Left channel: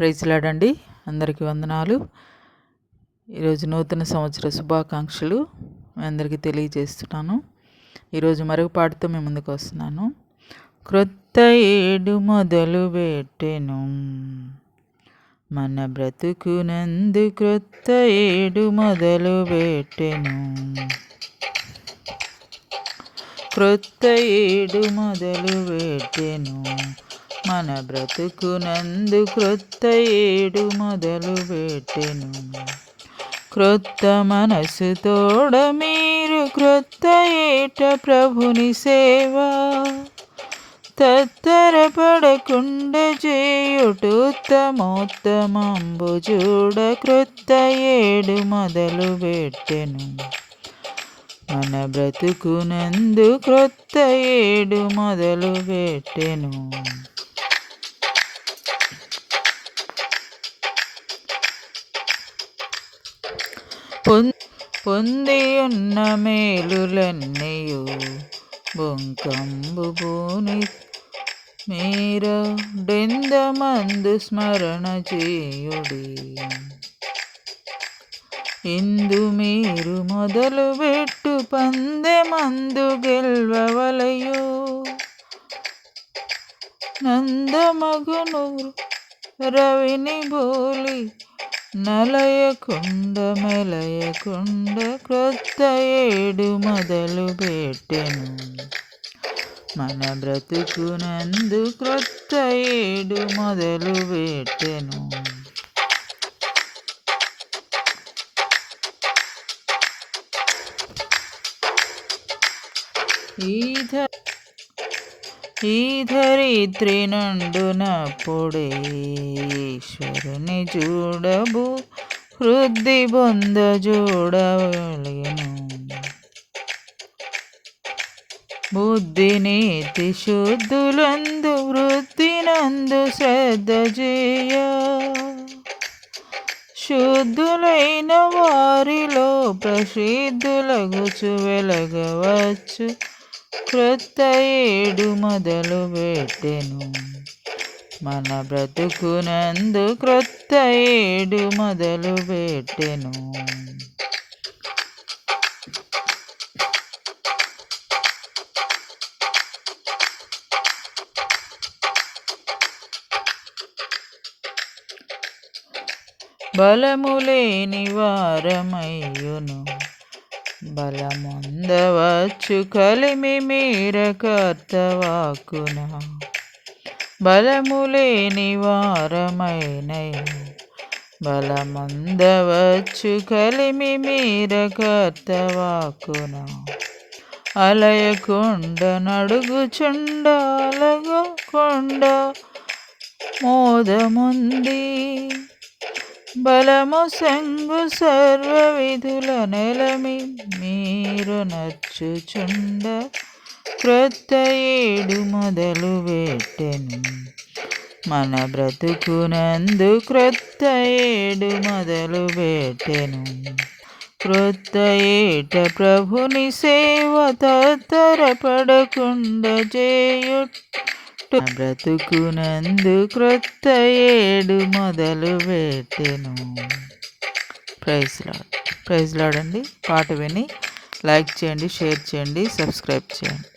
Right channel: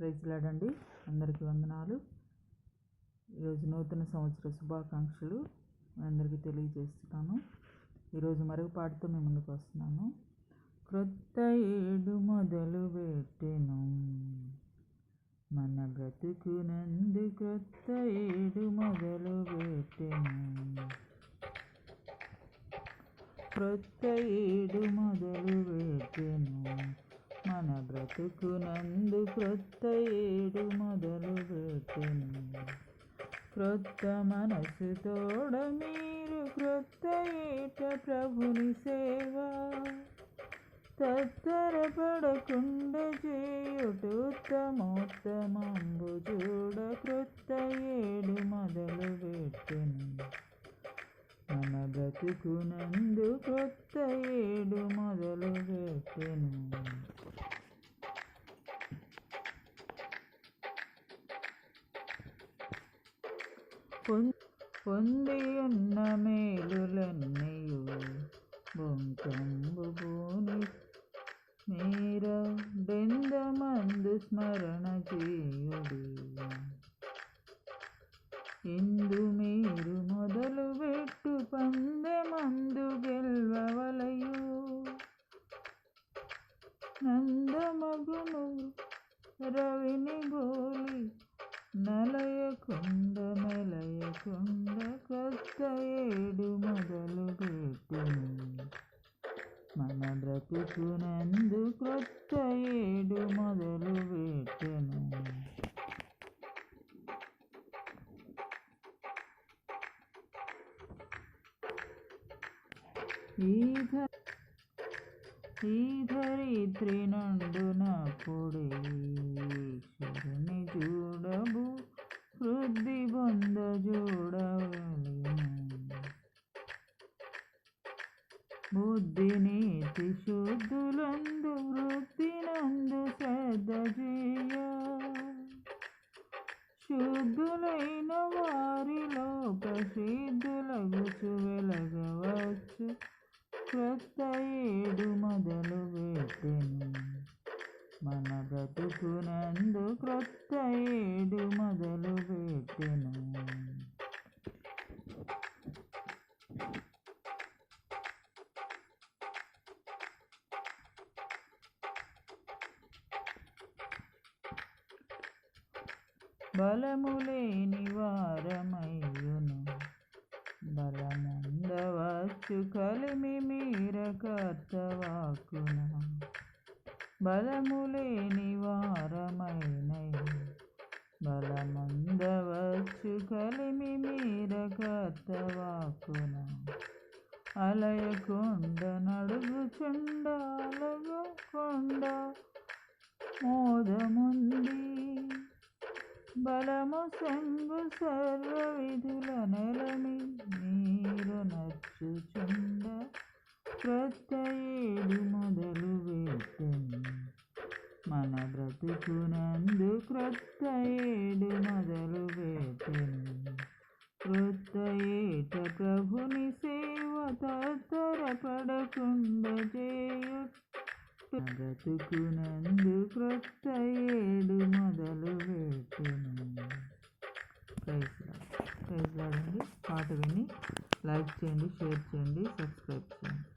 ప్రైజ్లాడండి. అందరికీ వందనాలు. ఈరోజు నూతన సంవత్సర శుభాకాంక్షలు మీ అందరికీ తెలియజేస్తున్నాను. ఈరోజు మరొక పాటతో మేము ముందుకు వస్తున్నాను. క్రొత్త ఏడు మొదలు పెట్టెను. మన బ్రతుకునందు క్రొత్త ఏడు మొదలు పెట్టెను. క్రొత్త ఏడు మొదలు పెట్టెను. మన బ్రతుకునందు క్రొత్త ఏడు మొదలు పెట్టెను. క్రొత్త మనసు తోడ మీరు క్రొత్త ఏట ప్రభుని సేవ. తత్తరపడకుండ చేయుటోత్తమోత్తమంబు చూడ క్రొత్త ఏడు మొదలు పెట్టెను. మన బ్రతుకునందు క్రొత్త ఏడు మొదలు పెట్టెను. పొంది ఉన్న మేలులన్నయు బొంకంబు భూని మీరు డెందమందు స్మరణ చేయుడి ఇందు మీరు మొదలు పెట్టు మందు గెల్వవలయు నందమగును రవిని బోలి నలయకుండ మెలయకుండ క్రొత్త ఏడు మొదలు పెట్టెను. మన బ్రతుకునందు క్రొత్త ఏడు మొదలు పెట్టెను. ఈధ ఈ ధరిత్రి నుండునప్పుడే ఈశ్వరుని చూడబు వృద్ధి బొంద చూడవలేను. బుద్ధి నీతి శుద్ధులందు వృత్తినందు శ్రద్ధ చేయ. శుద్ధులైన వారిలో ప్రసిద్ధులగుచు వెలగవచ్చు. క్రొత్త ఏడు మొదలు పెట్టెను. మన బ్రతుకునందు క్రొత్త ఏడు మొదలు పెట్టెను. బలములేని వారమయ్యును. బలముందవచ్చు కలిమి మీర కర్తవాకున బలములేని వారమైన బలమందవచ్చు కలిమి మీర కర్తవాకున అలయకొండ నడుగుచుండ అలగకొండ మోదముంది. బలము సంగు సర్వ విధుల నెలమి మీరు నచ్చుచుండ క్రొత్త ఏడు మొదలు పెట్టెను. మన బ్రతుకునందు క్రొత్త ఏడు మొదలు పెట్టెను. క్రొత్త ఏట ప్రభుని సేవ తరపడకుండా చేయుట్ బ్రతుకునందు క్రొత్త ఏడు మొదలు పెట్టెను. Praise lord. ప్రైజ్ లాడండి పాట విని లైక్ చేయండి షేర్ చేయండి సబ్స్క్రైబ్ చేయండి.